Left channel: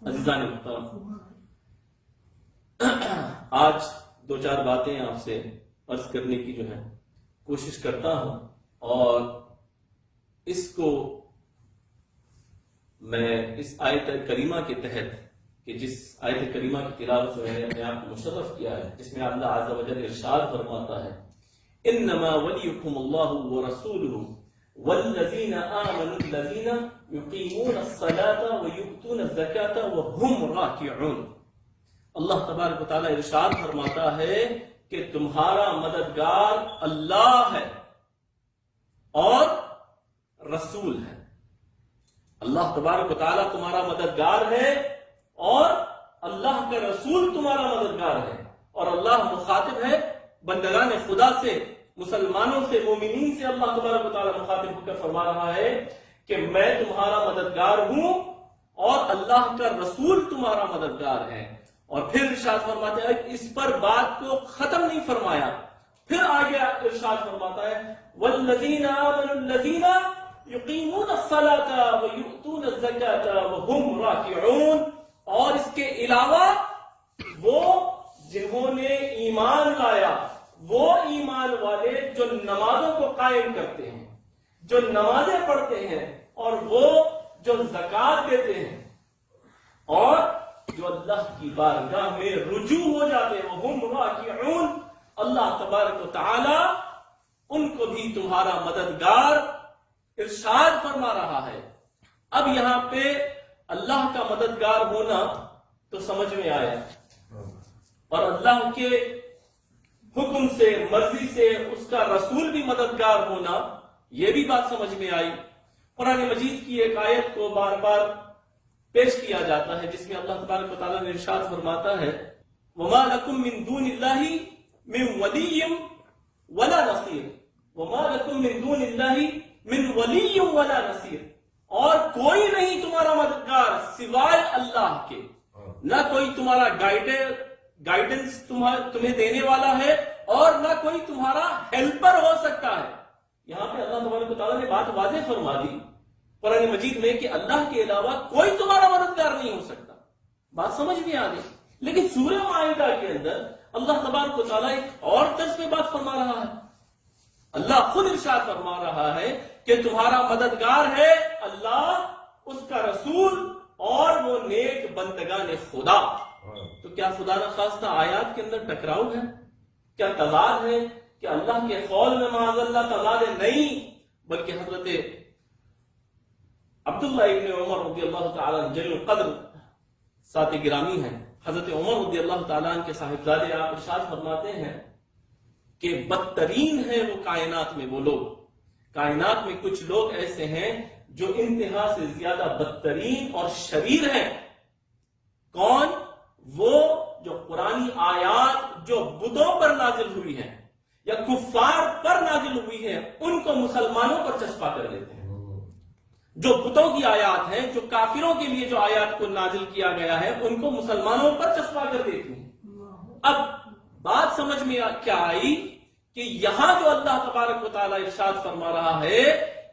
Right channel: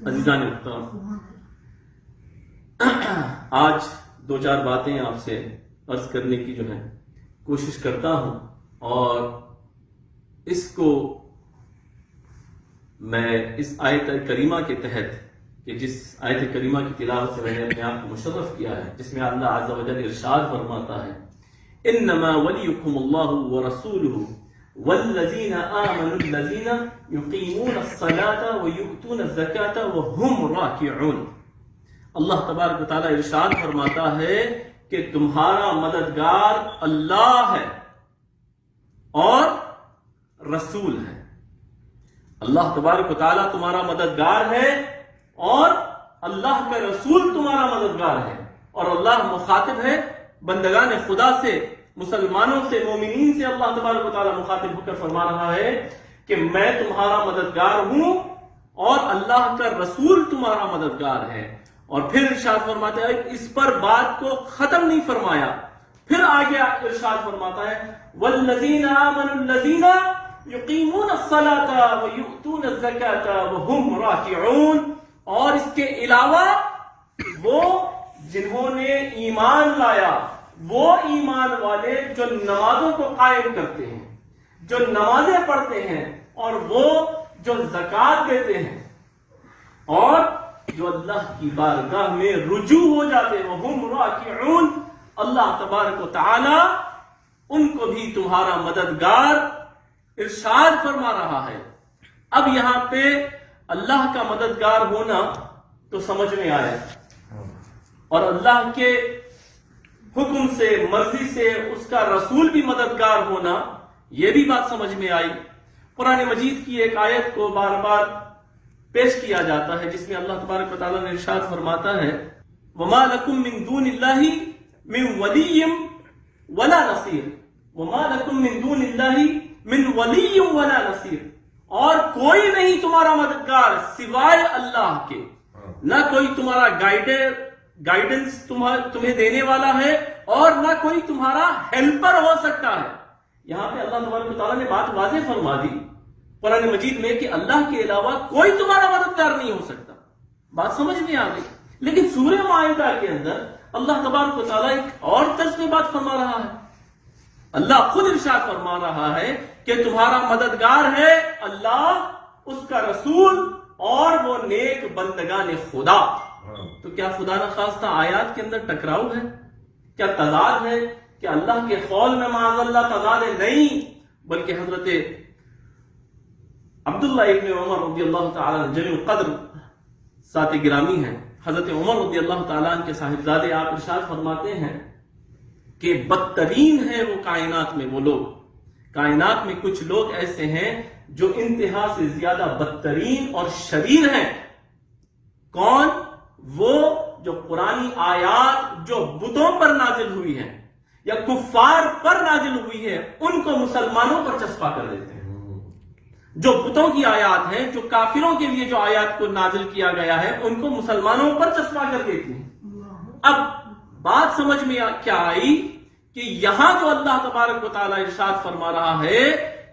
عزیزان محترم، آج دو چار باتیں آپ سے عرض کرنے کی جو ہے کوشش کرتا ہوں، اور اس کو میں اس آیت کریمہ کے تحت، کہ جس آیت کریمہ کی تلاوت سے میں نے اپنے آپ کو مشرف کیا ہے، جس میں اللہ عز و جل ارشاد فرماتا ہے انما ولیکم اللہ ورسولہ والذین آمنوا الذین یقیمون الصلاة ویؤتون الزکاة وهم راکعون۔ اللہ تبارک و تعالیٰ ارشاد فرماتا ہے کہ تمہارا مددگار اللہ ہے اور رسول ہے۔ اللہ تبارک و تعالیٰ تمہارا مددگار ہے اور اللہ کا رسول تمہارا مددگار ہے، اور اللہ مخاطب ہے بندگان خدا سے، مسلمانوں سے، مومنین سے۔ اللہ تبارک و تعالیٰ مخاطب ہو کر فرما رہا ہے کہ میں تمہارا مددگار ہوں اور اللہ کا رسول تمہارا مددگار ہے۔ اور پھر ارشاد فرماتا ہے، اس پر بات کو ختم نہیں فرمایا، پھر آگے ارشاد فرماتا ہے والذین آمنوا الذین یقیمون الصلاة ویؤتون الزکاة وهم راکعون، اور اس کے علاوہ وہ جنہوں نے ایمان لایا، وہ ایمان والے جو نمازوں کو قائم کرتے ہیں، جو نمازیں پڑھتے ہیں، اور وہ جو زکوٰۃ دیتے ہیں، اور جو اللہ کی بارگاہ میں رجوع ہو جاتے ہیں، وہم راکعون۔ اللہ تبارک و تعالی ان کو بھی تمہارا مددگار ارشاد فرما رہا ہے۔ اب یہاں پہ اللہ کا مددگار ہونا تو سمجھ میں آیا، اور اللہ کے حکم سے، مرضی سے اس کا رسول بھی مددگار ہونا، یہ بھی بات سمجھ میں آئی۔ قرآن مجید کی ایک آیت کو بار بار پیش کیا جاتا ہے جس میں اللہ تبارک و تعالیٰ نے ارشاد فرماتا ہے وَمَا لَكُم مِّن دُونِ اللَّهِ مِن وَلِيٍّ وَلَا نَصِيرٍ، وَمَا لَكُم مِّن دُونِ اللَّهِ مِن وَلِيٍّ وَلَا نَصِيرٍ، اور کوئی نہیں تمہارا مددگار سوائے اللہ کے، نہ کوئی تمہارا گائیڈنس تمہیں دینے والا ہے، اور نہ کوئی تمہارا ہیلپر ہو سکتا ہے۔ یہاں پہ اللہ تبارک و تعالیٰ نے بات واضح فرما دی قرآن مجید میں کہ اللہ کے علاوہ کوئی تمہارا مددگار نہیں ہو سکتا۔ بات سمجھ میں آ گئی۔ لیکن سورہ مائدہ کے اندر اللہ تبارک و تعالیٰ ایک اور طرز میں بات فرما رہا ہے۔ اللہ خود ارشاد فرما رہا ہے کہ تمہارا مددگار ہے اللہ، اس کا رسول، اور وہ نیک بندگان خدا۔ تو کیا خدا نخواستہ آیات کے اندر ٹکراؤ ہے؟ کیا تضاد ہے؟ کہ اللہ کے قول میں معاذ اللہ تضاد ہے؟ نہیں، بلکہ حضرت عبداللہ ابن عمر رضی اللہ تعالیٰ جلیل القدر ذات گرامی ہیں، حضرت عمر رضی اللہ تعالیٰ کے صاحبزادے، آپ ارشاد فرماتے ہیں کہ بدترین ہیں وہ کائنات میں وہ لوگ، کائنات میں کچھ لوگ ایسے ہیں جو انتہا سے زیادہ بدترین اور شریر ہیں۔ کون؟ وہ جو قرآنی آیات جو بتوں پر نازل ہوئی ہیں یا کفار پر نازل ہوئی ہے ان کو مسلمانوں پر چسپا کر دیتے ہیں۔ جو بتوں کی آیات ہیں، جو کافروں کے لیے جو آیات کو نازل کیا گیا ہے، ان کو مسلمانوں پر چسپا کر دیتے ہیں۔ اب بات سمجھ میں کیا آئی کہ یہاں جو اللہ تبارک و تعالیٰ ارشاد فرما رہا ہے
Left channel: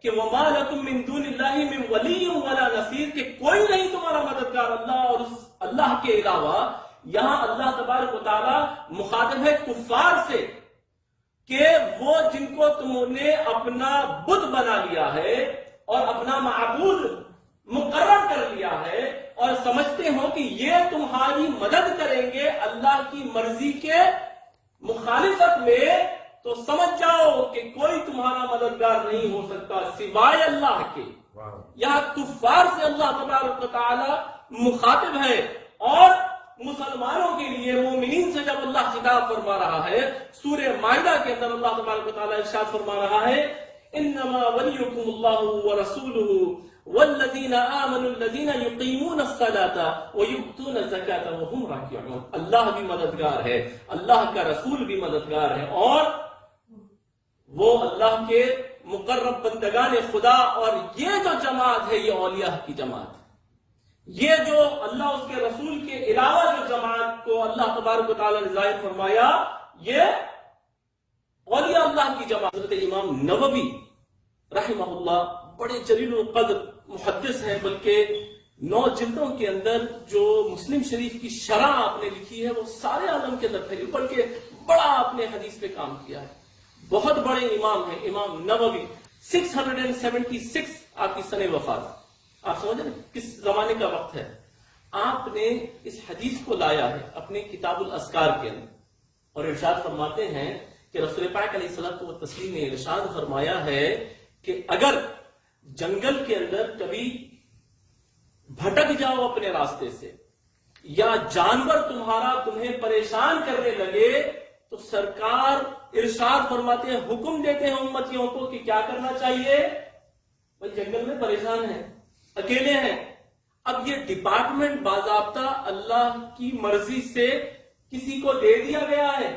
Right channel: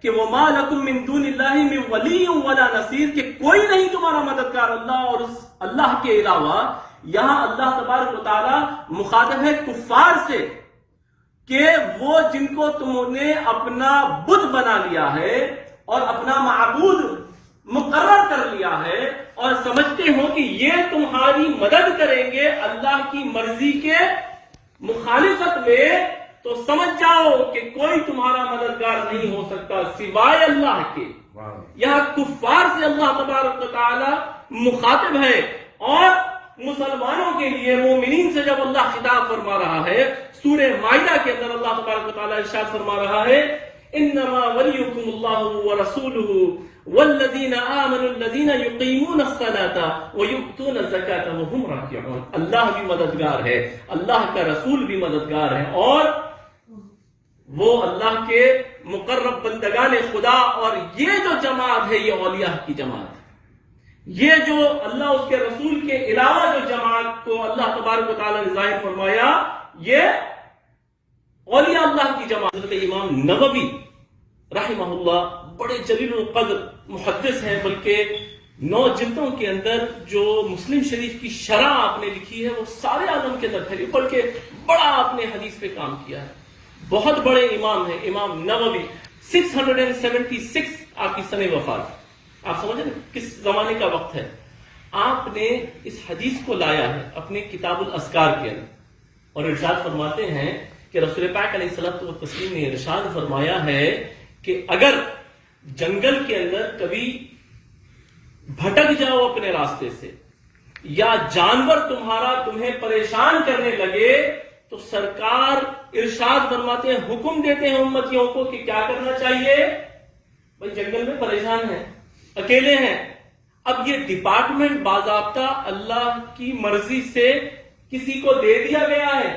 کہ وَمَا لَكُم مِّن دُونِ اللَّهِ مِن وَلِيٍّ وَلَا نَصِيرٍ، کہ کوئی نہیں تمہارا مددگار اللہ اور اس اللہ کے علاوہ، یہاں اللہ تبارک و تعالیٰ مخاطب ہے کفار سے کہ وہ جن کو تم نے اپنا بت بنا لیا ہے اور اپنا معبود مقرر کر لیا ہے، اور سمجھتے ہو کہ یہ تمہاری مدد کریں گے اللہ کی مرضی کے مخالفت میں، تو سمجھ جاؤ کہ کوئی تمہارا مددگار نہیں ہو سکتا سوائے اللہ کے۔ یہاں کفار سے اللہ تبارک و تعالی مخاطب ہے، اور مسلمانوں کے لیے، مومنین سے جب اللہ خطاب فرما رہا ہے، سورہ مائدہ کے اندر اللہ تبارک و تعالی ارشاد فرما رہا ہے انما ولیکم اللہ ورسولہ والذین آمنوا الذین یقیمون الصلاة ویؤتون الزکاة وهم راکعون۔ اللہ بھی مددگار ہے، اللہ کا رسول بھی مددگار ہے، اور وہ اللہ کے مقرب بندگان خدا، اور یہ جو جماعت ہے یہ اولیاء کی جماعت ہے۔ یہ جو اللہ اس کے رسول کے علاوہ جو جماعت کو اللہ تبارک و تعالیٰ نے ظاہر فرمایا، یہ اولیاء اللہ کی جماعت۔ حضرت امام نووی رحمہ اللہ بڑے جلیل القدر محدث ہیں، بلکہ 9 جلدوں کے اندر جو مسلم شریف کی شرح آپ نے لکھی ہے وہ سارے عالم کے اندر پھیلی، بلکہ بڑا آپ نے حدیث پہ کام کیا ہے. بہت بڑے امام ہیں امام نووی. 676 آپ کی سنِ وفات. آپ سمجھ رہے کس زمانے کا وقت ہے. آپ نے اس حدیث کو لایا ہے اپنے کتاب الاذکار کے اندر اور ارشاد فرماتے ہیں کہ رسول پاک علیہ الصلوۃ والتسلیم نے ارشاد فرمایا ہے کہ اگر جنگل کے اندر کبھی بھٹک جاؤ اپنے راستے سے یا جانور تمہیں پریشان کرنے لگے تو سرکار ارشاد فرماتے ہیں، حکم دیتے ہیں امتیوں کو کہ کیا کرنا چاہیے. بھائی جنگل میں پریشان ہیں، اکیلے ہیں. اب یہ ڈپارٹمنٹ باضابطہ اللہ کی مرضی سے کسی کو دے دیا گیا ہے.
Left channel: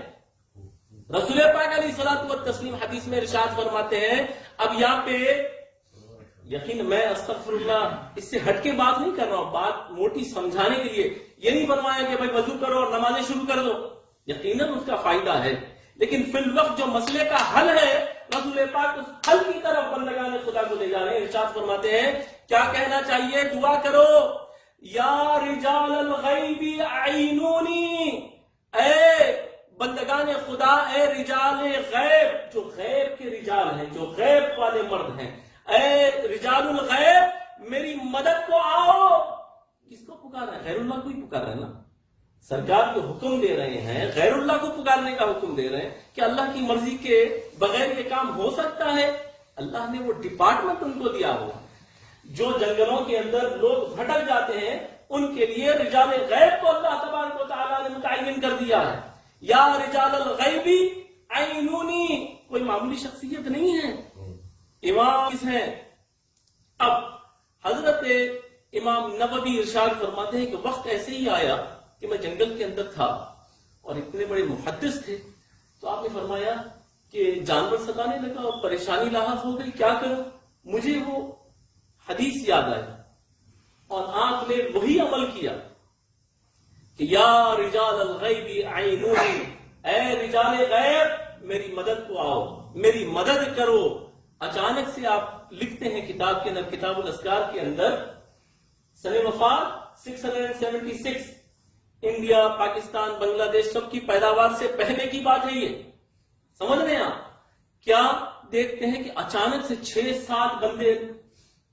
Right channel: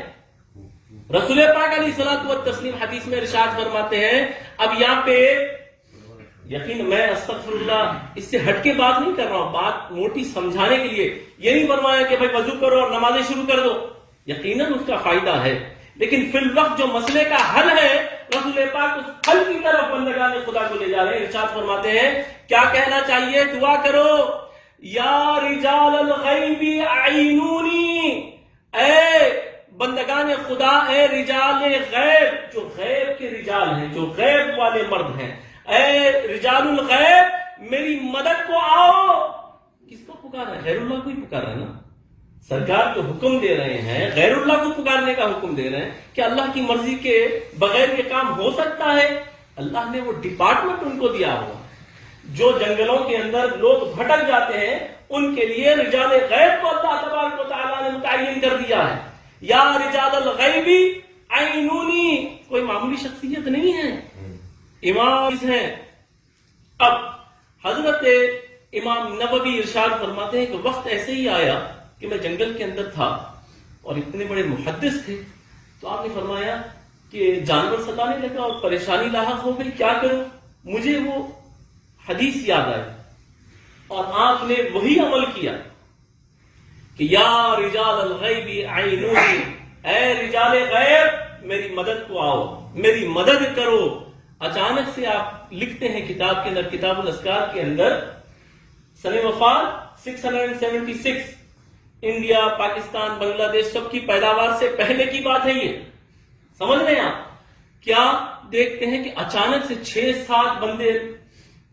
رسول پاک علیہ الصلوۃ والتسلیم حدیث میں ارشاد فرماتے ہیں. اب یہاں پہ یقین میں استغفر اللہ اس سے ہٹ کے بات نہیں کر رہا ہوں، بات موٹی سمجھانے کے لیے. یہ نہیں فرمایا کہ بھائی وضو کرو اور نمازیں شروع کر دو، یقیناً اس کا فائدہ ہے، لیکن فی الوقت جو مسئلے کا حل ہے رسول پاک اس حل کی طرف بندگان خدا کو لے جا رہے ہیں. ارشاد فرماتے ہیں کیا کہنا چاہیے؟ دعا کرو، یا رجال الغیب اعینونی، اے بندگان خدا، اے رجال غیب، جو غیب کے رجال ہیں، جو غیب والے مرد ہیں، اے رجال الغیب میری مدد کو آؤ. کس کو پکارا ہے؟ غیر اللہ کو ہی پکارا ہے نا. سرکار جو حکم دے رہے ہیں غیر اللہ کو پکارنے کا حکم دے رہے ہیں کہ اللہ کی مرضی کے بغیر یہ کام ہو سکتا ہے. اللہ نے وہ ڈپارٹمنٹ ان کو دیا ہوا. جو جنگلوں کے اندر لوگ بھٹک جاتے ہیں ان کے لیے رجال غیب کو اللہ تبارک و تعالیٰ نے متعین کر دیا ہے. یا رجال الغیب اعینونی، کوئی معمولی شخصیت نہیں ہے، امام ہیں. اب حضرت امام نووی ارشاد فرماتے ہیں کہ وقت ایسے ہی آیا کہ میں جنگل کے اندر تھا اور اتنے بڑے محدث تھے تو آپ نے فرمایا کہ جانور ستانے لگا اور پریشانی لاحق ہو گئی، کیا کروں؟ مجھے وہ حدیث یاد آئی اور آپ نے وہی عمل کیا کہ یا رجال الغیب اعینونی، اے رجال غیب میری مدد کو آؤ، میری مدد کرو. اچانک سے آپ لکھتے ہیں کتاب کے اندر، کتاب الاذکار کے اندر، سنِ وفات 676، انڈیا، پاکستان، بنگلہ دیش سب کی پیداوار سے پہلے کی بات ہے. یہ سمجھ رہے ہیں آپ؟ کیا دیکھتے ہیں کہ اچانک سے 6-7 بندے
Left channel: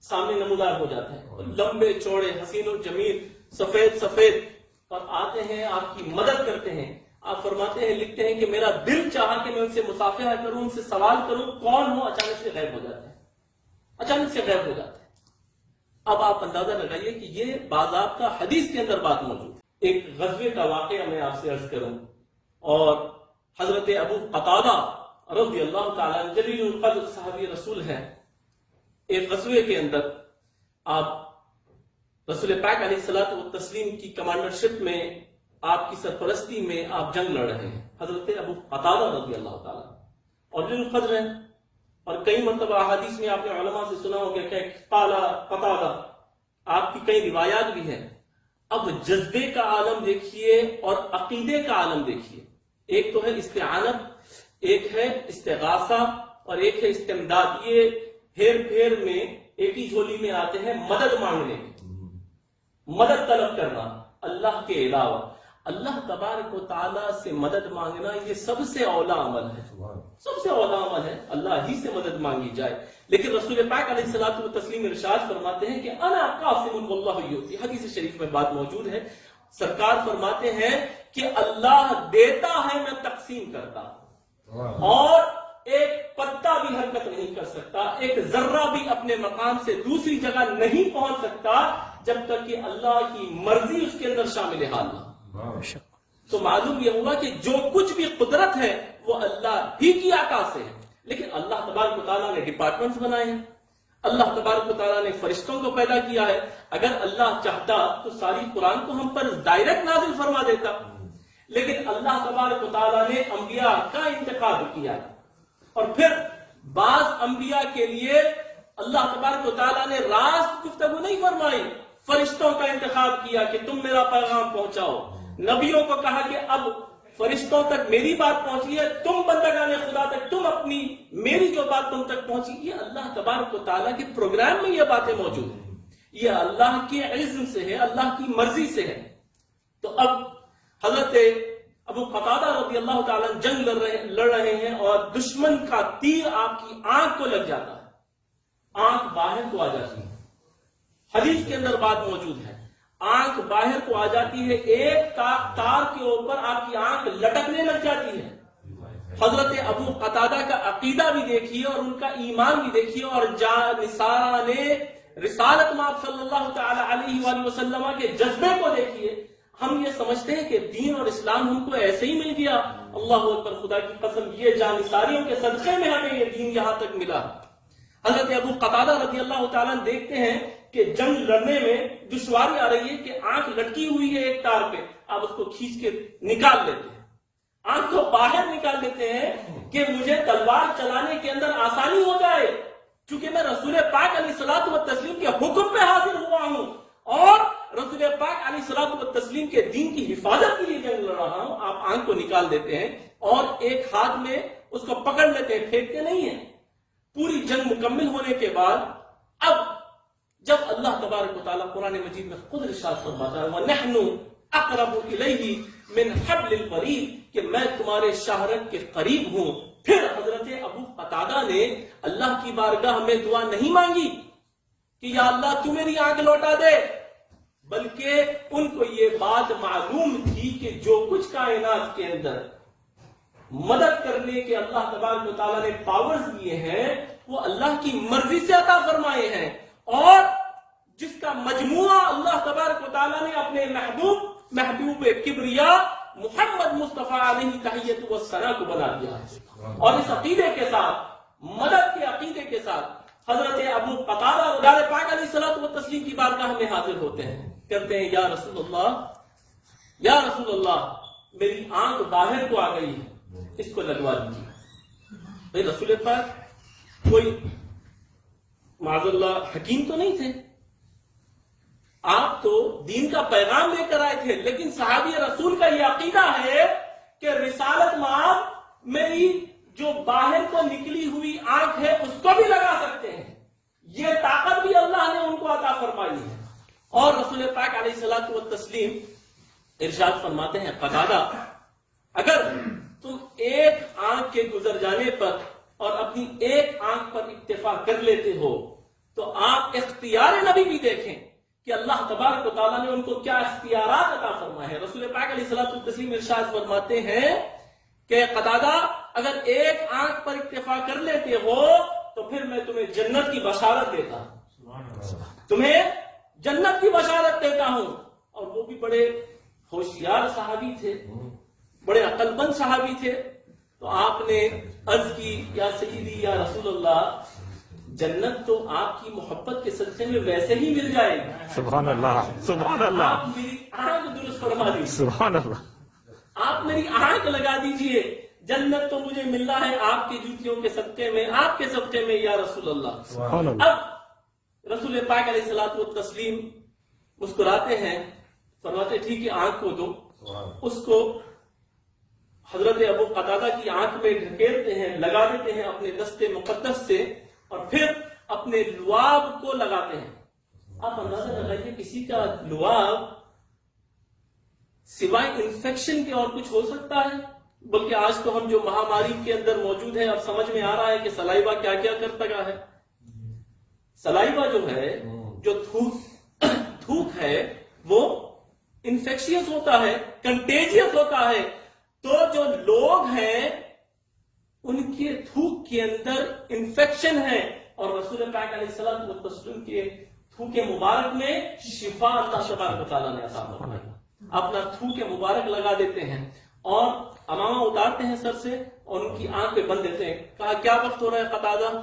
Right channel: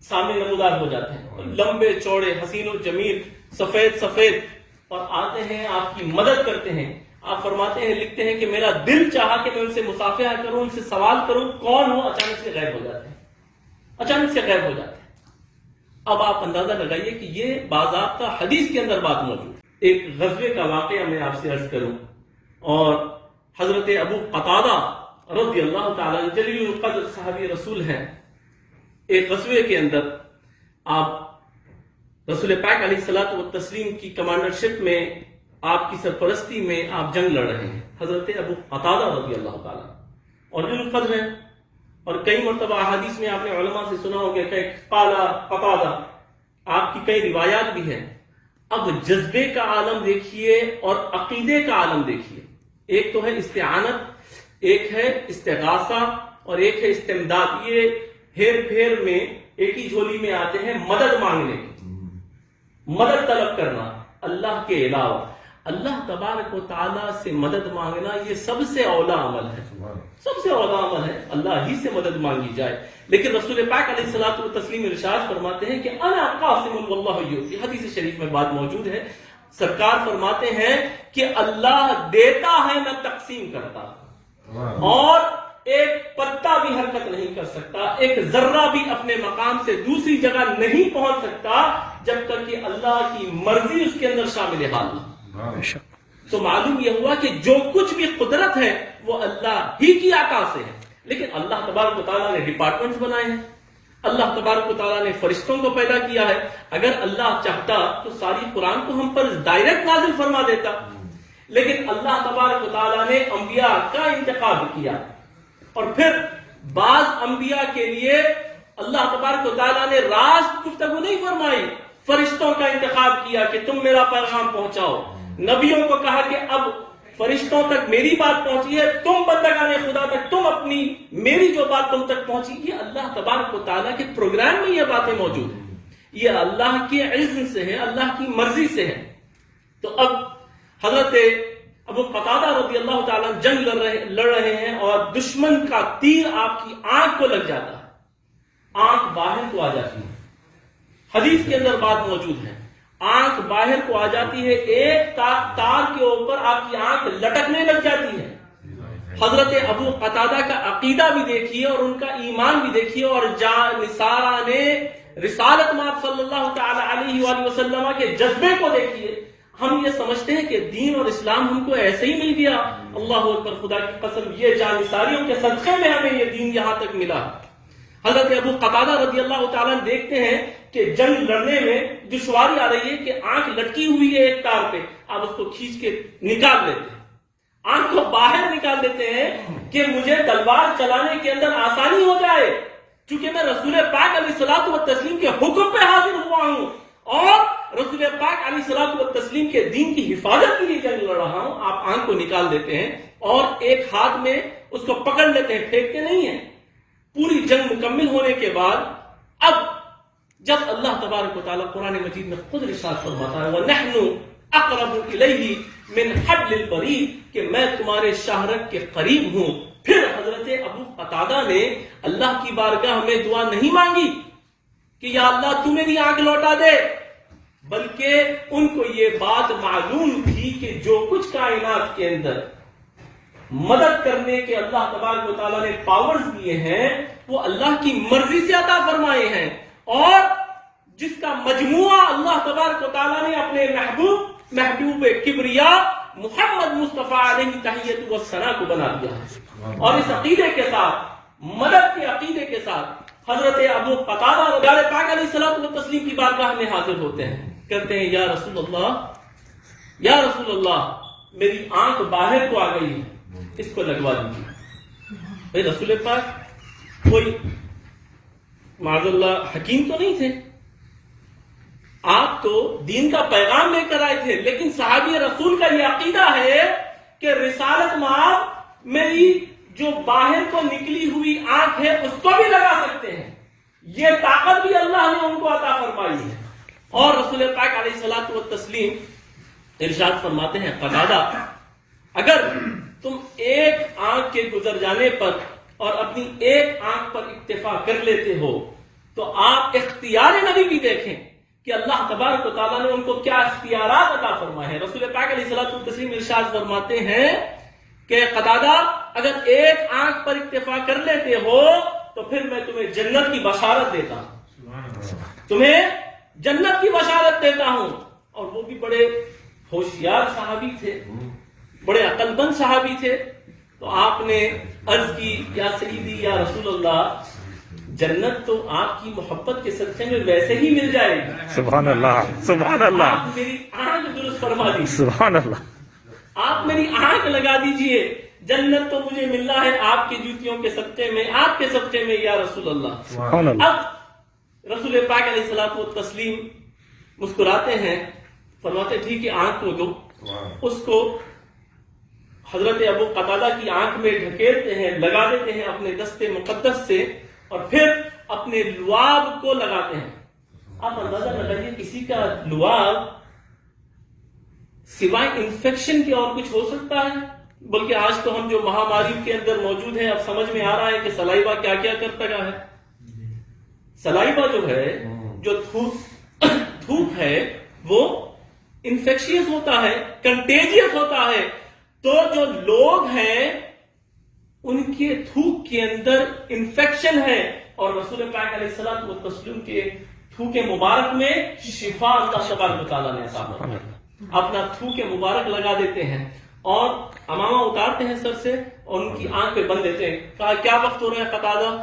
سامنے نمودار ہو جاتے ہیں، لمبے چوڑے، حسین و جمیل، سفید سفید، اور آتے ہیں آپ کی مدد کرتے ہیں. آپ فرماتے ہیں، لکھتے ہیں کہ میرا دل چاہا کہ میں ان سے مصافحہ کروں، ان سے سوال کروں کون ہو، اچانک سے غائب ہو جاتے ہیں، اچانک سے غائب ہو جاتے ہیں. اب آپ اندازہ لگائیے کہ یہ باضابطہ حدیث کے اندر بات موجود ہے. ایک غزوے کا واقعہ میں آپ سے عرض کروں، اور حضرت ابو قتادہ رضی اللہ تعالیٰ عنہ جلیل القدر صحابی رسول ہیں. ایک غزوے کے اندر آپ رسول پاک علیہ الصلوۃ والتسلیم کی کمانڈرشپ میں، آپ کی سرپرستی میں آپ جنگ لڑ رہے ہیں. حضرت ابو قتادہ رضی اللہ تعالیٰ اور جلیل القدر ہیں، اور کئی مرتبہ احادیث میں آپ نے علماء سے سنا ہوگا کہ قال قتادہ، آپ کی کئی روایات بھی ہیں. اب جذبے کا عالم دیکھیے اور عقیدے کا عالم دیکھیے. ایک تو ہے استعانت، ایک ہے استغاثہ، اور ایک ہے استمداد. یہ ہیر پھیر میں ایک ہی جھولی میں آتے ہیں. مدد مانگنے، مدد طلب کرنا اللہ کے علاوہ، اللہ تبارک و تعالیٰ سے مدد مانگنا، یہ سب سے اولا عمل ہے، سب سے اولا عمل ہے، اللہ ہی سے مدد مانگی جائے. لیکن رسول پاک علیہ الصلوۃ والتسلیم ارشاد فرماتے ہیں کہ انا قاسم واللہ یؤتی. حدیث شریف میں بات موجود ہے، سرکار فرماتے ہیں کہ اللہ دیتا ہے، میں تقسیم کرتا ہوں، اور ایک پتا بھی حرکت نہیں کر سکتا، ایک ذرہ بھی اپنے مقام سے دوسری جگہ نہیں پہنچ سکتا جب تک کہ اللہ کی مرضی اس کے اندر شامل حال نہ. تو معلوم یہ ہوا کہ جو کچھ بھی قدرت ہے وہ اللہ ہی کی عطا سے ہے. لیکن اللہ تبارک و تعالیٰ نے ڈپارٹمنٹس بنائے ہیں، اللہ تبارک و تعالیٰ نے فرشتوں کو پیدا کیا ہے. اگر اللہ چاہتا تو ساری قرآن کو ہم پر ڈائریکٹ نازل فرما دیتا، لیکن اللہ تبارک و تعالیٰ نے انبیاء کا انتخاب کیا، اور پھر بعض انبیاء کے لیے اللہ تبارک و تعالیٰ نے راست گفتگو نہیں فرمائی، فرشتوں کا انتخاب کیا کہ تم میرا پیغام پہنچاؤ. نبیوں کو کہا کہ اب فرشتوں تک میری بات پہنچی ہے، تم بندگان خدا تک، تم اپنی میری جو بات تم تک پہنچی. یہ اللہ تبارک و تعالیٰ کے پروگرام میں یہ باتیں موجود ہیں. یہ اللہ کے علم سے ہے، اللہ کی مرضی سے ہے۔ تو اب حضرت ابو قتادہ رضی اللہ تعالیٰ جنگ لڑ رہے ہیں اور دشمن کا تیر آپ کی آنکھ کو لگ جاتا ہے، آنکھ باہر کو آ جاتی ہے۔ حدیث کے اندر بات موجود ہے، آنکھ باہر کو آ جاتی ہے، ایک تار کے اوپر آپ کی آنکھ لٹکنے لگ جاتی ہے۔ حضرت ابو قتادہ کا عقیدہ بھی دیکھیے اور ان کا ایمان بھی دیکھیے، اور نصارہ نے رسالت میں آپ صلی اللہ تعالی علیہ وآلہ وسلم کے جذبے کو دیکھیے۔ ہم یہ سمجھتے ہیں کہ دین اور اسلام ہم کو ایسے ہی مل گیا، اللہ اکبر، خدا کی قسم یہ جانثاریوں کے صدقے میں ہمیں یہ دین یہاں تک ملا۔ حضرت ابو قتادہ رضی اللہ تعالیٰ دیکھتے ہیں کہ جنگ لڑنے میں دشواری آ رہی ہے کہ آنکھ لٹکی ہوئی ہے ایک تار پہ، آپ اس کو کھینچ کے نکال لیتے ہیں، آنکھ کو باہر نکال دیتے ہیں کہ مجھے تلوار چلانے کے اندر آسانی ہو جائے، چونکہ میں رسول پاک علیہ الصلوۃ والتسلیم کے حکم پہ حاضر ہوا ہوں اور رسول پاک علیہ الصلوۃ والتسلیم کے دین کی حفاظت کے لیے جنگ لڑ رہا ہوں۔ آپ آنکھ کو نکال دیتے ہیں اور ایک ہاتھ میں اس کو پکڑ لیتے ہیں، پھینکتے نہیں ہیں۔ پوری جنگ مکمل ہونے کے بعد اب جب اللہ تبارک و تعالیٰ قرآن مجید میں خود ارشاد فرماتا ہے وَنَحْنُ أَقْرَبُ إِلَيْهِ مِنْ حَبْلِ الْوَرِيدِ کہ میں تمہارے شاہرگ کے قریب ہوں، پھر حضرت ابو قتادہ نے اللہ کی بارگاہ میں دعا نہیں مانگی کہ یا اللہ تو میری آنکھ لوٹا دے، بلکہ ان کو یہ بات معلوم تھی کہ جو کچھ کائنات کے اندر مدد کرنے کے اللہ تبارک و تعالیٰ نے پاورز دیے ہیں وہ اللہ کی مرضی سے عطا فرمائے ہیں، اور جس کا مجموعہ اللہ تبارک و تعالیٰ نے اپنے محبوب کبریا محمد مصطفیٰ علیہ تحیت و ثنا کو بنا دیا ہے۔ اور اس عقیدے کے ساتھ، مدد کے عقیدے کے ساتھ حضرت ابو قتادہ رسول پاک علیہ الصلوۃ والتسلیم کی بارگاہ میں حاضر ہوتے ہیں، کہتے ہیں یا رسول اللہ میری آنکھ باہر کو آ گئی ہے، اس کو لگوا دیجیے۔ بھائی رسول پاک کوئی معاذ اللہ حکیم تو نہیں تھے، آپ تو دین کا پیغام لے کر آئے تھے، لیکن صحابی رسول کا یہ عقیدہ ہے کہ رسالت میں میری جو باہر کو نکلی ہوئی آنکھ ہے اس کو بھی لگا سکتے ہیں، یہ طاقت بھی اللہ نے ان کو عطا فرمائی ہے۔ اور رسول پاک علیہ الصلوۃ والتسلیم ارشاد فرماتے ہیں قتادہ اگر تم ایک آنکھ کے گزر جانے پر اور اپنی ایک آنکھ پر اکتفا کر لیتے ہو تو آپ اختیار نبی بھی دیکھیں کہ اللہ تبارک و تعالیٰ نے ان کو کیا اختیارات عطا فرمائے ہیں۔ رسول پاک علیہ الصلوۃ والتسلیم ارشاد فرماتے ہیں کہ قتادہ اگر ایک آنکھ پر اکتفا کر لیتے ہو تو پھر میں تمہیں جنت کی بشارت دیتا ہوں، تمہیں جنت کی بشارت دیتا ہوں۔ اور وہ بھی بڑے ہوشیار صحابی تھے، بڑے عقل مند صحابی تھے۔ تو آپ نے عرض کی یا سیدی یا رسول اللہ جنت تو آپ کی محبت کے صدقے میں ویسے ہی مل جائے گی، سبحان اللہ سبحان اللہ، آپ میری آنکھ درست فرما دیجیے، سبحان اللہ، آپ میری آنکھ لگا دیجئے، جنت تو مجھے ملنا ہے آپ کی جوتیوں کے صدقے میں، آپ کے صدقے میں یا رسول اللہ۔ سبحان اللہ۔ اب رسول پاک علیہ الصلوۃ والتسلیم مسکراتے ہیں، فرماتے ٹھیک ہے آنکھ کو دو، اس کو حضرت ابو قتادہ کی آنکھ میں ڈھکیلتے ہیں، لگا دیتے ہیں اپنے دست مقدس سے، اور پھر اپنے لعاب کو لگاتے ہیں۔ آپ اندازہ لگائیے کسی کا لعاب سوائے انفیکشن کے اور کچھ ہو سکتا ہے؟ بلکہ آج تو ہم جو مہاماری کے اندر موجود ہیں اب سمجھ میں آ رہا ہے کہ سلائیوا کیا کیا کرتا ہے۔ سلائیوا جو ہے، جو تھوک ہے، وہ انفیکشیس ہوتا ہے، کنٹیجیس ہوتا ہے۔ تو جو لوگ ہیں ان کے تھوک کے اندر انفیکشن ہے، اور رسول پاک علیہ الصلوۃ والتسلیم کے تھوک مبارک میں شفا اللہ تبارک و تعالیٰ نے عطا فرمائی۔ اپنا تھوک مبارک لگا دیتے ہیں اور امامہ اتارتے ہیں سر سے اور ان کی آنکھ پہ بند دیتے ہیں۔ کہا کیا وقت ہو رہا ہے قتادہ؟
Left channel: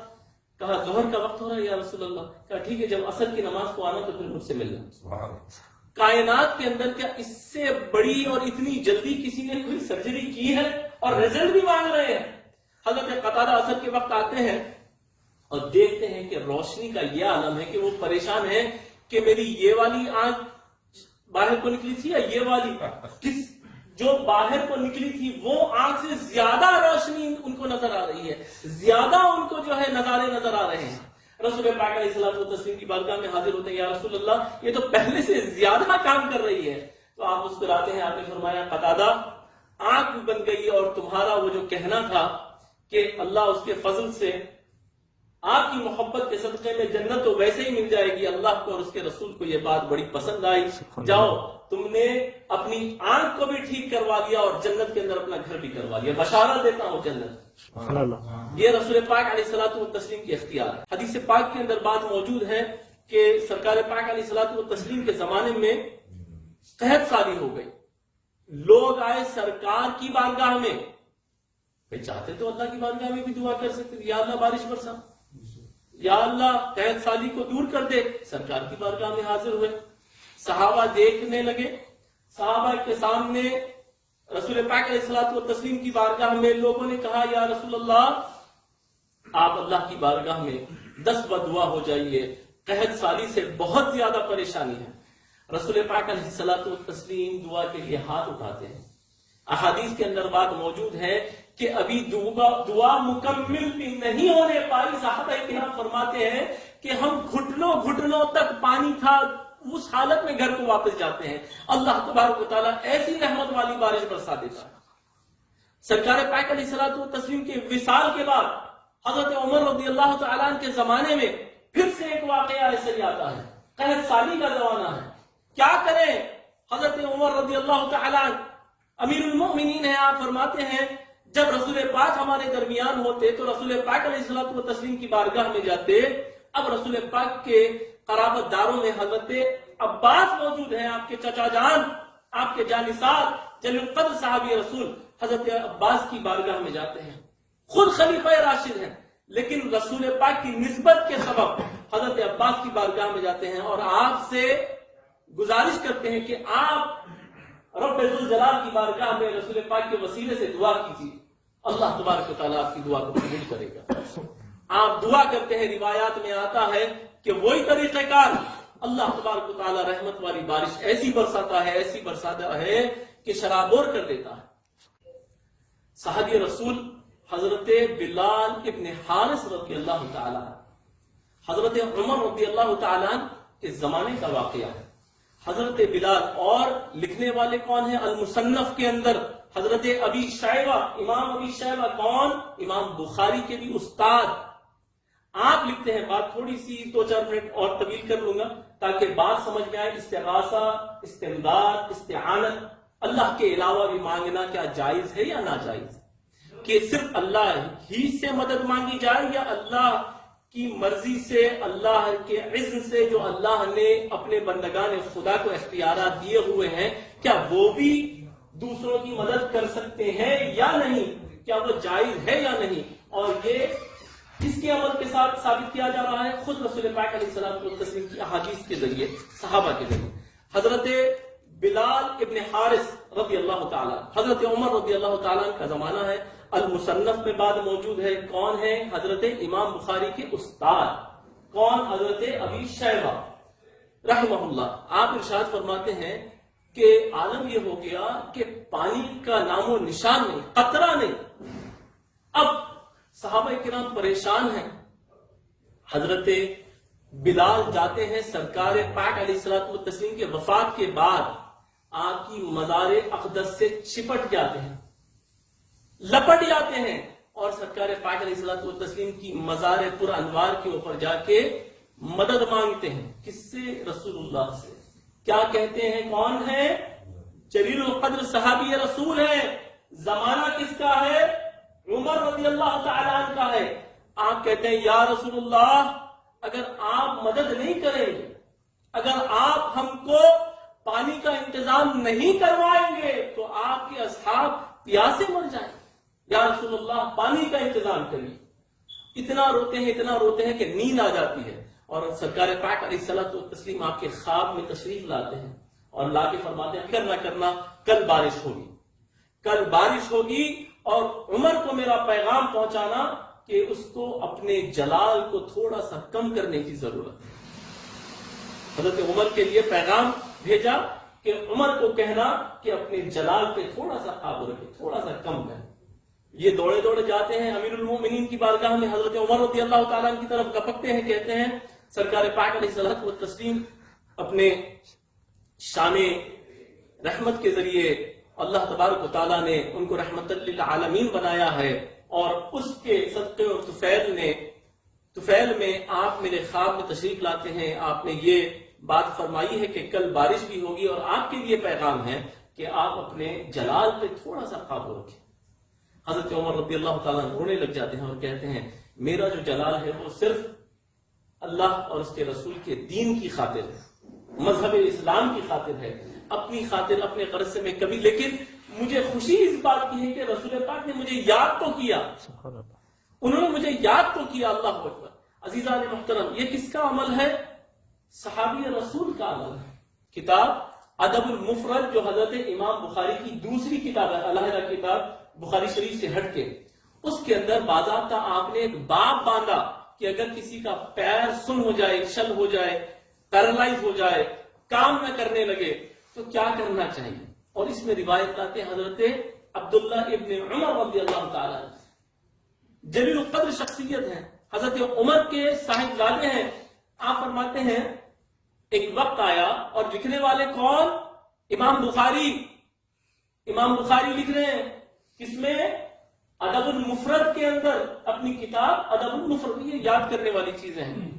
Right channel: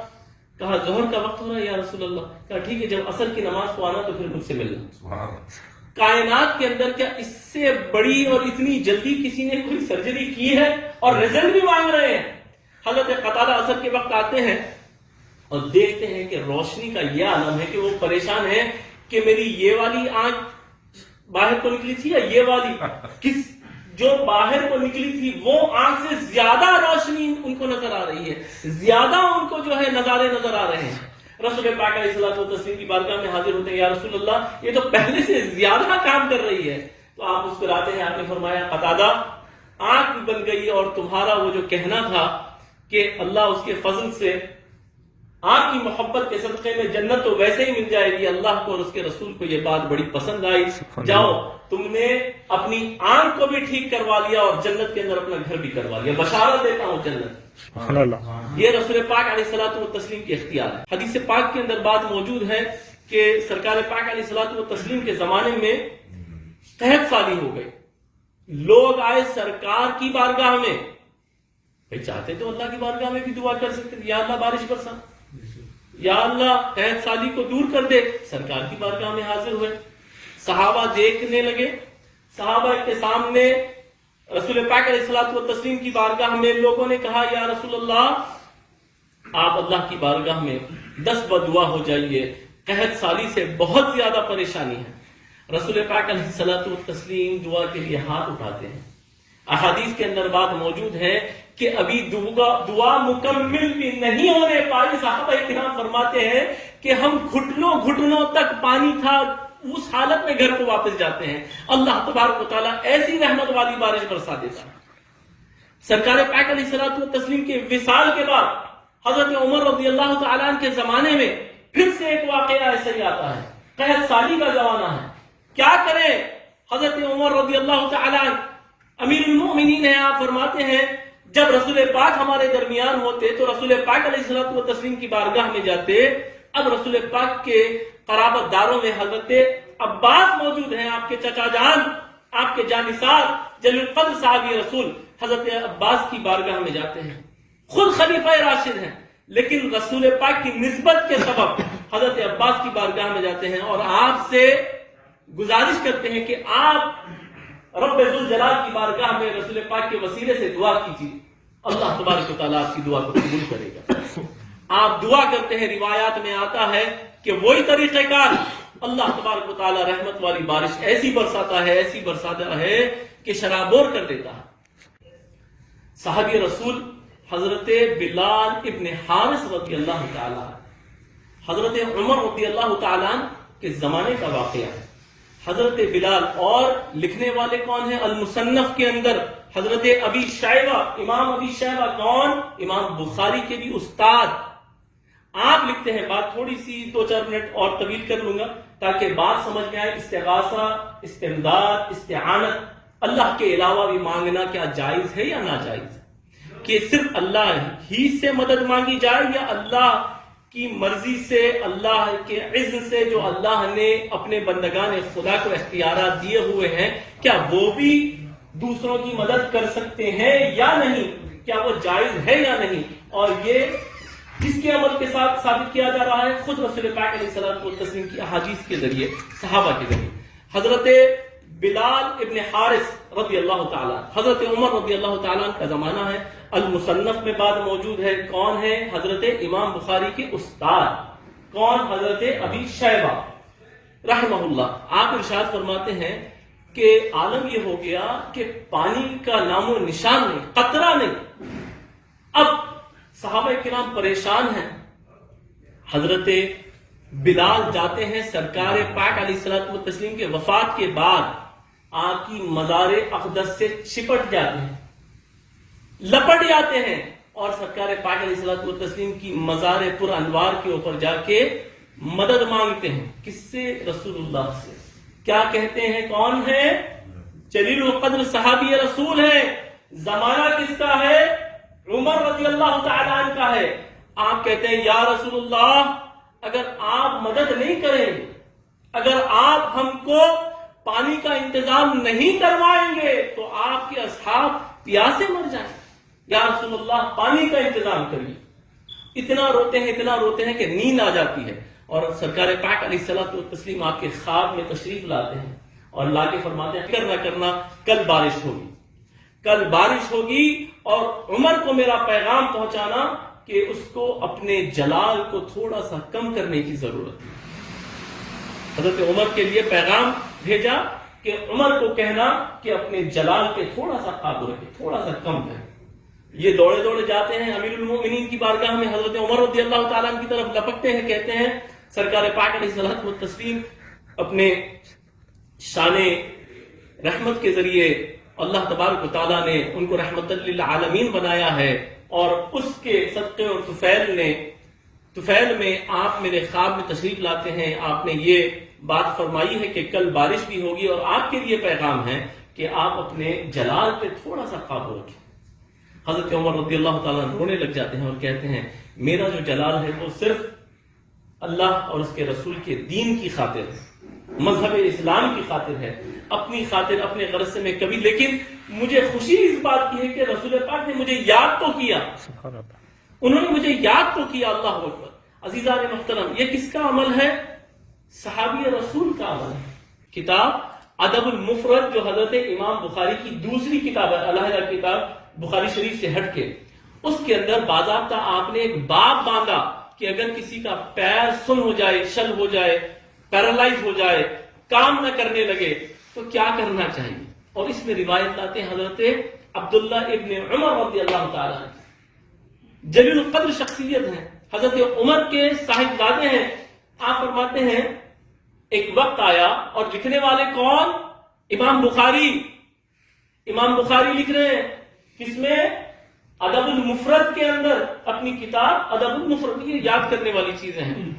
کہا ظہر کا وقت ہو رہا ہے یا رسول اللہ۔ کہا ٹھیک ہے جب عصر کی نماز کو آنا تو پھر مجھ سے ملنا۔ کائنات کے اندر کیا اس سے بڑی اور اتنی جلدی کسی نے کوئی سرجری کی ہے؟ اور رزلٹ بھی مانگ رہے ہیں۔ حضرت قتادہ عصر کے وقت آتے ہیں اور دیکھتے ہیں کہ روشنی کا یہ عالم ہے کہ وہ پریشان ہے کہ میری یہ والی آنکھ باہر کو نکلی تھی یا یہ والی، جو باہر کو نکلی تھی وہ آنکھ سے زیادہ روشنی ان کو نظر آ رہی ہے، زیادہ ان کو جو ہے نظارے نظر آ رہے ہیں۔ رسول پاک علیہ الصلوۃ والتسلیم کی بارگاہ میں حاضر ہوتے ہیں، یا رسول اللہ یہ تو پہلے سے زیادہ کام کر رہی ہے. تو آپ مسکراتے ہیں، آپ نے فرمایا قتادہ آنکھ بن گئی اور تمہارا وہ جو کہنا تھا کہ اللہ اس کے فضل سے آپ کی محبت کے صدقے میں جنت تو ویسے ہی مل جائے گی، اللہ کو اور اس کے رسول کو یہ بات بڑی پسند آئی، جاؤ تم نے اپنی آنکھ کو بھی ٹھیک کروا لیا اور جنت کے اندر اپنا گھر بھی کروا لیا، بشارت دیتا ہوں جنت. سبحان اللہ. یہ رسول پاک علیہ الصلوۃ والتسلیم کی اختیار ہے. حدیث پاک کے اندر بات موجود ہے کہ سرکار پاک علیہ الصلوۃ والتسلیم کے زمانے میں قحط سالی ہو گئی. لوگ آئے سرکار کی بارگاہ میں، بھائی چاہتے تو اللہ کی بارگاہ میں بھی دعا کر سکتے، یا اللہ بارش برسا، یا اللہ قحط سالی کو دور کر دے. سرکار کی بارگاہ میں حاضر ہوئے، صحابہ دیکھنے لگے. صحابہ کے سامنے رسول پاک علیہ الصلوۃ والتسلیم کی بارگاہ میں لوگوں نے کہا، یا رسول اللہ آپ اللہ کی بارگاہ میں دست بدعا ہو جائیے، قحط سالی سے بہت زیادہ پریشانی ہے. رسول پاک علیہ الصلوۃ والتسلیم دعا کے لیے ہاتھ اٹھاتے ہیں. احادیث کے اندر بات موجود ہے کہ ابھی دعا مکمل بھی نہیں ہونے پائی، صحابہ کرام فرماتے ہیں کہ ہم گھٹنوں تک پانی تھا، اس حالت میں گھر کو واپس جاتے ہیں. اللہ تبارک و تعالیٰ ایسی رحمت والی بارش برسا دیتا ہے. سرکار پاک علیہ الصلوۃ والتسلیم کے وصال کے بعد حضرت عمر رضی اللہ تعالیٰ عنہ کے زمانے میں پھر سے ایک واقعہ ایسا ہی آتا ہے. قحط سالی کا زمانہ ہے، کیا کریں؟ حضرت عمر رضی اللہ تعالیٰ عنہ امیر المؤمنین ہیں، آپ فرماتے ہیں جب رسول پاک ہمارے درمیان ہوتے تو رسول پاک علیہ الصلوۃ والتسلیم کی بارگاہ میں جاتے. اب رسول پاک کے قرابت داروں میں حضرت عباس موجود ہیں، آپ کے چچا جان، آپ کے جانثار جلیل القدر صحابی رسول حضرت عباس کی بارگاہ میں جاتے ہیں. خود خلیفہ راشد ہیں لیکن رسول پاک کی نسبت کے سبب حضرت عباس کی بارگاہ میں جاتے ہیں اور آپ سے گزارش کرتے ہیں کہ آپ رب ذوالجلال کی بارگاہ میں رسول پاک کے وسیلے سے دعا کیجیے، اللہ تبارک و تعالیٰ آپ کی دعا کو قبول کرے گا. آپ دعا کرتے ہیں، روایات میں آتا ہے کہ وہی طریقہ کار اللہ تبارک و تعالیٰ رحمت والی بارش ایسی برساتا ہے کہ شرابور کر دیتا ہے. صحابی رسول حضرت بلال ابن حارث رضی اللہ تعالیٰ، حضرت عمر رضی اللہ تعالیٰ کے زمانے کا واقعہ ہے. حضرت بلال اور لکھنے والے کون ہیں؟ المصنف کے اندر حضرت ابی شیبہ، امام ابی شیبہ کون؟ امام بخاری کے بھی استاد. آپ لکھتے ہیں، بات تھوڑی سی 2-4 منٹ اور طویل کر لوں گا تاکہ بات سمجھ میں آئے. استغاثہ، استمداد، استعانت اللہ کے علاوہ بھی مانگنا کیا جائز ہے یا ناجائز ہے؟ کہ صرف اللہ ہی سے مدد مانگی جائے یا اللہ کی مرضی سے، اللہ کے عزم سے جو اللہ نے اپنے بندگان خدا کو اختیارات دیے ہوئے ہیں، کیا وہ بھی دوسروں کی مدد کر سکتے ہیں یا نہیں؟ کیا وہ جائز ہے یا نہیں؟ اور یہ جس کے عمل کے ساتھ ثابت کیا جا رہا ہے خود رسول پاک علیہ الصلوۃ والتسلیم کی احادیث کے ذریعے، صحابہ کے ذریعے. حضرت بلال ابن حارث رضی اللہ تعالیٰ، حضرت عمر رضی اللہ تعالیٰ کا زمانہ ہے. المصنف میں بات موجود ہے، کون ہے؟ حضرت امام بخاری کے استاد کون؟ حضرت ابی شیبہ رحمہ اللہ. آپ ارشاد فرماتے ہیں کہ عالم یہ ہو گیا کہ پانی کا نام و نشان نہیں، قطرہ نہیں. اب صحابہ کرام پریشان ہیں. حضرت بلال جاتے ہیں سرکار پاک علیہ الصلوۃ والتسلیم کے وفات کے بعد آپ کی مزار اقدس سے چپٹ جاتے ہیں، لپٹ جاتے ہیں اور سرکار پاک علیہ الصلوۃ والتسلیم کی مزار پر انوار کے اوپر جا کے مدد مانگتے ہیں. کس سے؟ رسول اللہ سے. کیا کہتے ہیں؟ کون ہے؟ جلیل القدر صحابی رسول ہے. زمانہ کس کا ہے؟ عمر رضی اللہ تعالیٰ عنہ کا ہے. آپ کہتے ہیں یا رسول اللہ اگر آپ مدد نہیں کریں گے، اگر آپ ہم کو پانی کا انتظام نہیں کروائیں گے تو آپ کے اصحاب پیاسے مر جائیں. یا رسول اللہ پانی کا انتظام کریے. اتنا روتے ہیں کہ نیند آ جاتی ہے. اور سرکار پاک علیہ الصلوۃ والتسلیم آپ کے خواب میں تشریف لاتے ہیں اور لا کے فرماتے ہیں فکر نہ کرنا، کل بارش ہوگی اور عمر کو میرا پیغام پہنچانا کہ اس کو اپنے جلال کو تھوڑا سا کم کرنے کی ضرورت ہے. حضرت عمر کے لیے پیغام بھیجا کہ عمر کو کہنا کہ اپنے جلال پہ تھوڑا سا قابو رکھے، تھوڑا سا کم کرے. یہ دوڑے دوڑے جاتے ہیں امیر المومنین کی بارگاہ میں، حضرت عمر رضی اللہ تعالیٰ عنہ کی طرف لپکتے ہیں، کہتے ہیں سرکار پاک علیہ الصلوۃ والتسلیم اپنے شان رحمت کے ذریعے اللہ تبارک و تعالیٰ نے ان کو رحمت للعالمین بنایا ہے، اور اس کے صدقے اور طفیل میں آپ میرے خواب میں تشریف لاتے ہیں، آپ نے یہ بات فرمائی ہے کہ کل بارش بھی ہوگی، اور آپ کے لیے پیغام ہے کہ آپ اپنے جلال پہ تھوڑا سا قابو رکھیں۔ حضرت عمر رضی اللہ تعالیٰ رونے لگ جاتے ہیں اور کہتے ہیں میرا جو جلال ہے وہ صرف اللہ اور اس کے رسول کے دین کی خاطر ہے، مذہب اسلام کی خاطر ہے، اپنی خاطر اپنے غرض سے میں کبھی، لیکن مجھے خوشی اس بات کی ہے کہ رسول پاک نے مجھے یاد تو کیا، انہوں نے مجھے یاد تو کیا۔ اللہ اکبر۔ عزیزان محترم، یہ کس کا عمل ہے؟ صحابی رسول کا عمل ہے۔ کتاب ادب المفرد جو حضرت امام بخاری کی دوسری کتاب ہے، علیحدہ کتاب بخاری شریف سے ہٹ کے، اس کے اندر باضابطہ آپ نے ایک باب باندھا کہ اگر کسی کا پیر سن ہو جائے، شل ہو جائے، پیرالائز ہو جائے، کام نہ کرنے لگے تو کیا کرنا چاہیے، اور اس میں روایت لاتے ہیں حضرت عبداللہ ابن عمر رضی اللہ تعالیٰ عنہ، جلیل القدر شخصیت ہیں، حضرت عمر کے صاحبزادے ہیں۔ آپ فرماتے ہیں ایک وقت آیا، اور لکھنے والے کون؟ امام بخاری لکھ رہے ہیں، کس میں؟ ادب المفرد کے اندر، اپنی کتاب ادب المفرد، یہ یاد کرنے والی چیزیں ہیں۔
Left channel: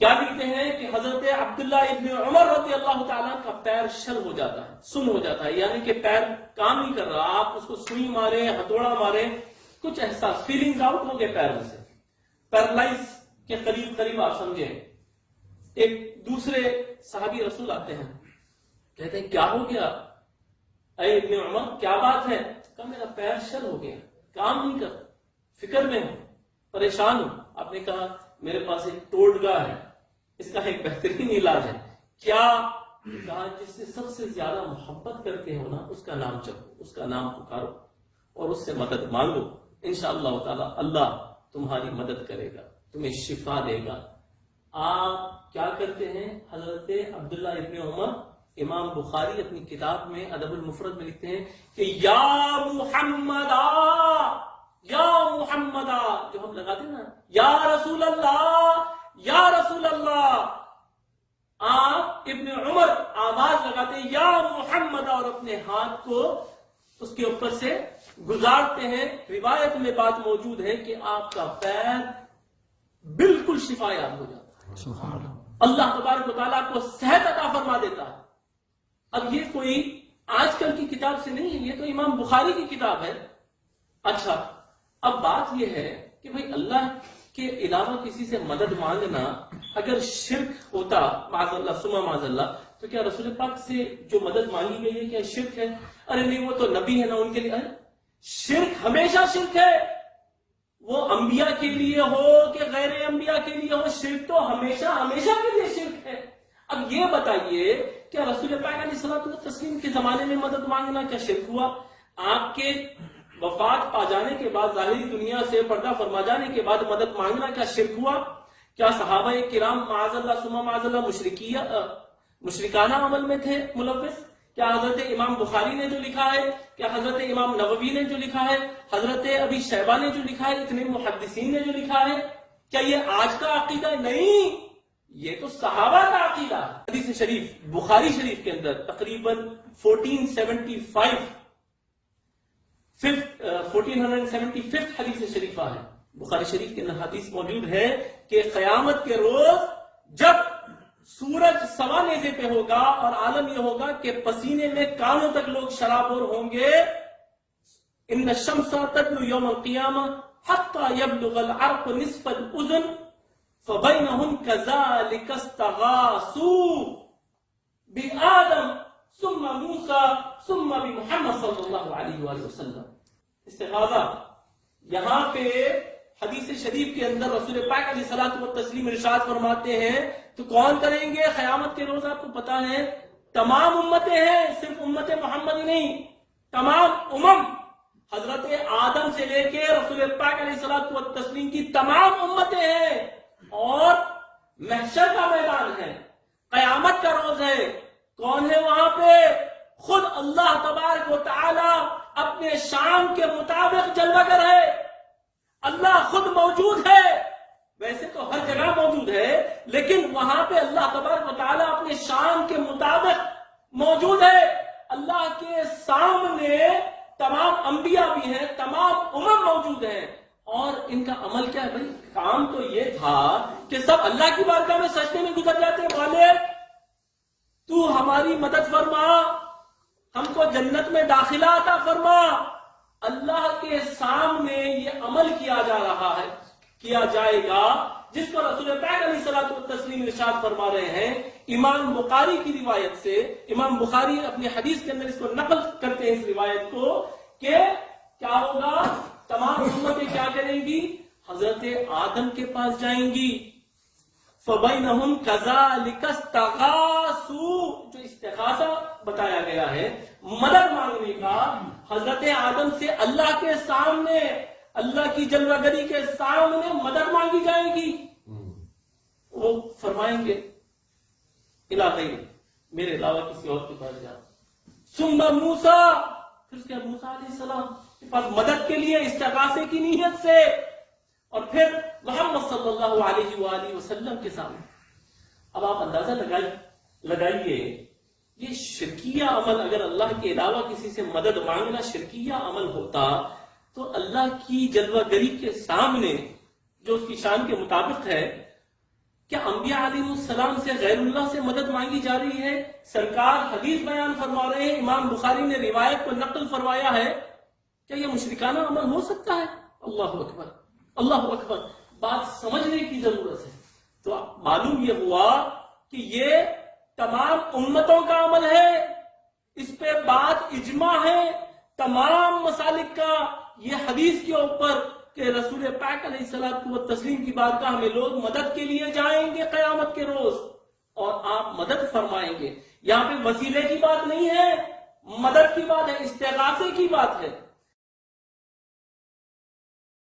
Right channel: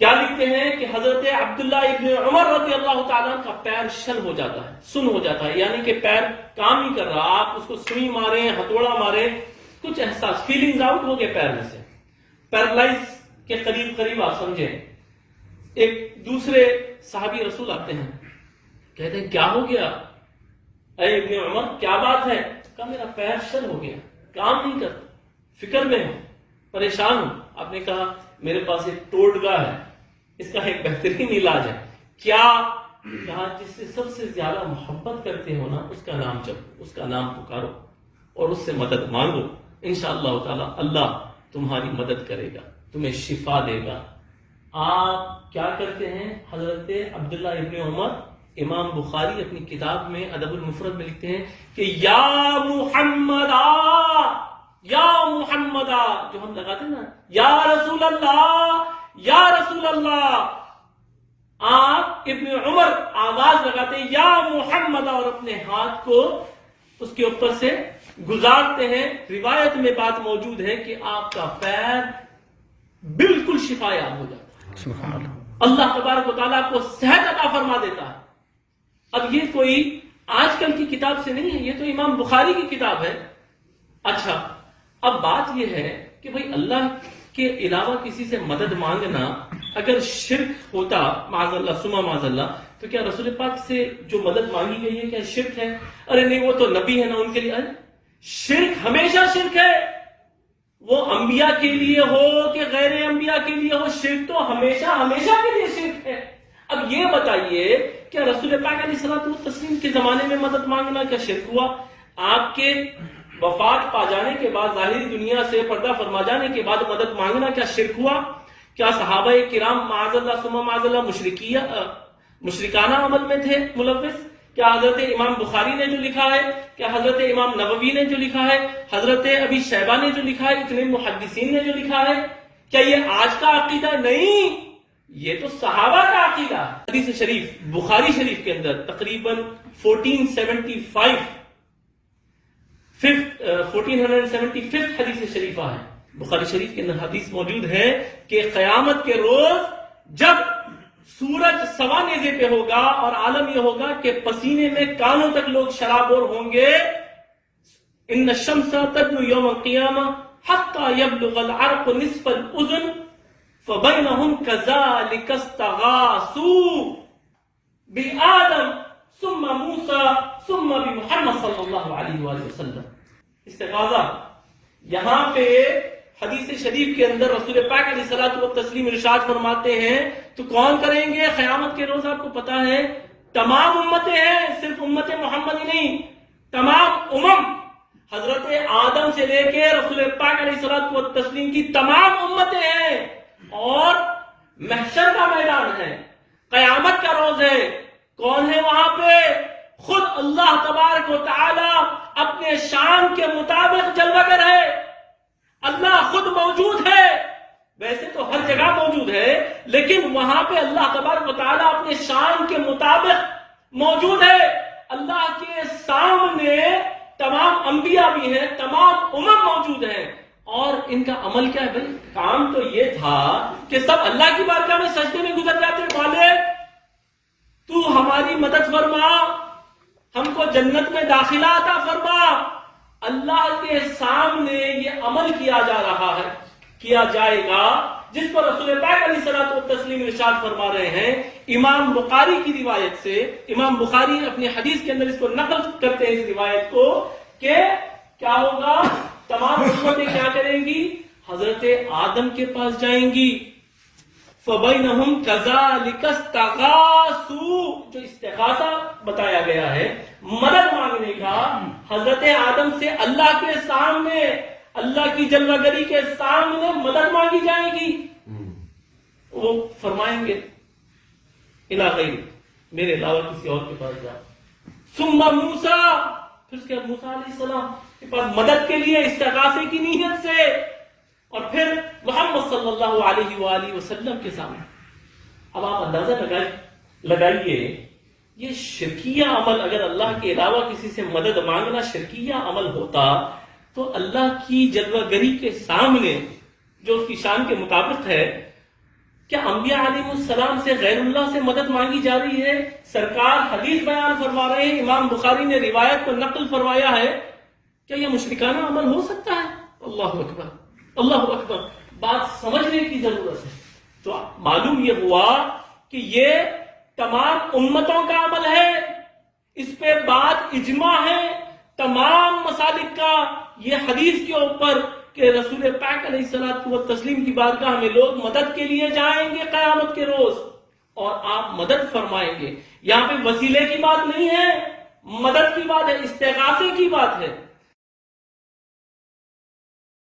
کیا لکھتے ہیں کہ حضرت عبداللہ ابن عمر رضی اللہ تعالیٰ کا پیر شل ہو جاتا ہے، سن ہو جاتا ہے، یعنی کہ پیر کام نہیں کر رہا، آپ اس کو سوئی ماریں، ہتھوڑا ماریں، کچھ احساس، فیلنگز آؤٹ ہو گئے پیر میں سے، پیرالائز کے قریب آپ سمجھیں۔ ایک دوسرے صحابی رسول آتے ہیں، کہتے ہیں کیا ہو گیا اے ابن عمر، کیا بات ہے؟ کہا میرا پیر شل ہو گیا، کام نہیں کرتا، فکر میں ہوں، پریشان ہوں۔ آپ نے کہا میرے پاس ایک ٹوٹگا ہے، اس کا ایک بہترین علاج ہے۔ کیا؟ کہا جس سے سب سے زیادہ محبت کرتے ہو نا، اس کا نام جپو، اس کا نام پکارو اور اس سے مدد مانگو، انشاءاللہ تعالی اللہ تمہاری مدد کرے گا، تمہیں شفا دے گا۔ آپ کیا کرتے ہیں؟ حضرت عبداللہ ابن عمر، امام بخاری اپنی کتاب میں ادب المفرد میں لکھتے ہیں کہ یا محمدا، جو ہم لگاتے ہیں نا، یا رسول اللہ، آپ ابن عمر آواز لگاتے ہیں یا محمد، اور اپنے ہاتھ کو اس کے اوپر سے گزارتے ہیں۔ روایت میں بات موجود ہے کہ آپ کا پیر بالکل شفا یاب ہو جاتا ہے، سبحان اللہ۔ اللہ تبارک و تعالیٰ کو صحت عطا فرما دیتا ہے۔ اب یہ کوئی آج کل کی کتاب سے نہیں ہے، یہ تو امام بخاری کی کتاب ہے۔ اچھا، اب بات یہ ہے کہ بھئی اللہ کے علاوہ کسی سے مدد مانگنا اگر شرک ہوتا، معاذ اللہ ثم معاذ اللہ، تو کیا رسول پاک سے جو مدد مانگی گئی ہے کیا شرک ہے؟ ارے نہیں، وہ تو نبی ہے نا، ان کے لیے شرک ہمیشہ شرک ہے، وہ انبیاء کے لیے ہو کہ غیر انبیاء کے لیے ہو، شرک تو ہمیشہ کے لیے شرک ہے۔ اب یہ بتائیے کیا رسول پاک علیہ الصلوۃ والتسلیم کے زمانے میں مدد مانگنا کیا شرک ہوا؟ آپ کے وفات پا جانے کے بعد، ظاہری دنیا سے پردہ فرما جانے کے بعد مدد مانگنا کیا شرک ہوا؟ کیا صحابہ کرام معاذ اللہ ثم معاذ اللہ مشرکانہ عمل میں تھے ملوث؟ کیا حضرت امام بخاری نے جو لکھا ہے، کیا حضرت امام نووی نے جو لکھا ہے، حضرت ابی شیبہ نے جو لکھا ہے، اتنے محدثین نے جو لکھا ہے، کیا یہ آج کا عقیدہ؟ نہیں، یہ تو صحابہ کا عقیدہ۔ حدیث شریف بخاری شریف کے اندر تقریباً 1475 حدیث شریفہ ہے، بخاری شریف کے اندر حدیث موجود ہے کہ قیامت کے روز جب سورج سوا نیزے پہ ہوگا اور عالم یہ ہوگا کہ پسینے میں کانوں تک لوگ شرابور ہوں گے، ان الشمس تدنو یوم القیامہ حتی یبلغ العرق نصف الاذن فبینہم کذالک استغاثوا بآدم ثم موسیٰ ثم بمحمد صلی اللہ علیہ وآلہ وسلم۔ استغاثہ یہاں پہ حدیث شریف کے اندر رسول پاک علیہ الصلوۃ والتسلیم ارشاد فرماتے ہیں تو کون کریں گے قیامت کے روز؟ آپ کو پتا ہے تمام امتیں ہیں، صرف امت محمد ہی نہیں، تمام امم، حضرت آدم سے لے کے رسول پاک علیہ الصلوۃ والتسلیم کی تمام امتیں ہیں، اور محشر کا میدان ہے، قیامت کا روز ہے، کون ہے وہاں پہ؟ خود اللہ تبارک و تعالی اپنے شان کے مطابق جلوگر ہے. اللہ خود موجود ہے، ویسے تو ہر جگہ موجود ہے، لیکن وہاں پہ اللہ تبارک و تعالیٰ اپنے شان کے مطابق موجود ہے. اللہ کے سامنے تمام انبیاء بھی ہیں، تمام امم موجود ہیں، اور ان کا عمل کیا ہے بھائی؟ کام تو یہ تھا کہ سب اللہ کی بارگاہ میں سجدے میں گزر جاتے. مالک تو ہماری مدد فرما، ہم کو جنت میں داخلہ عطا فرما. اللہ کے سامنے یہ عمل کیا جا رہا ہے، کیا جائے گا، جس پر رسول پاک علیہ الصلوۃ والتسلیم ارشاد فرما رہے ہیں. امام بخاری کی روایت سے، امام بخاری اپنی حدیث کے اندر اس کو نقل کرتے ہیں، اس روایت کو، کہ کیا ہوگا؟ تمام امتیں کیا کریں گی؟ حضرت آدم کے پاس جائیں گی. فَبَيْنَهُمْ كَذَلِكَ اسْتَغَاثُوا، جو استغاثہ بتایا گیا ہے، مدد مانگنے کا، حضرت آدم سے اللہ کے سامنے، اللہ کی جلوہ گری کے سامنے مدد مانگی جائے گی. وہ فرمائیں گے اِلَىٰ غَيْرِ، میرے علاوہ کسی اور کے پاس جاؤ. ثُمَّ مُوسَىٰ، پھر اس کے بعد موسیٰ علیہ السلام کے پاس مدد کے لیے استغاثے کی نیت سے، اور پھر محمد صلی اللہ علیہ وآلہ وسلم کے سامنے. اب آپ اندازہ لگائیے، یہ شرکیہ عمل، اگر اللہ کے علاوہ کسی سے مدد مانگنا شرکیہ عمل ہوتا تو اللہ کی جلوہ گری کے سامنے جو اس کی شان کے مطابق ہے، کیا انبیاء علیہ السلام سے غیر اللہ سے مدد مانگی جا رہی ہے؟ سرکار حدیث بیان فرما رہے ہیں، امام بخاری نے روایت کو نقل فرمایا ہے. کیا یہ مشرکانہ عمل ہو سکتا ہے؟ اللہ اکبر، اللہ اکبر. بات سمجھنے کی ضرورت ہے. تو معلوم یہ ہوا کہ یہ تمام امتوں کا عمل ہے، اس پہ بات اجماع ہے تمام مسالک کا. یہ حدیث کے اوپر کہ رسول پاک علیہ الصلوۃ والتسلیم کی بارگاہ میں لوگ مدد کے لیے جائیں گے قیامت کے روز، اور آپ مدد فرمائیں گے. یہاں پہ وسیلے کی بات نہیں ہے، مدد کی بات ہے، استغاثے کی بات ہے.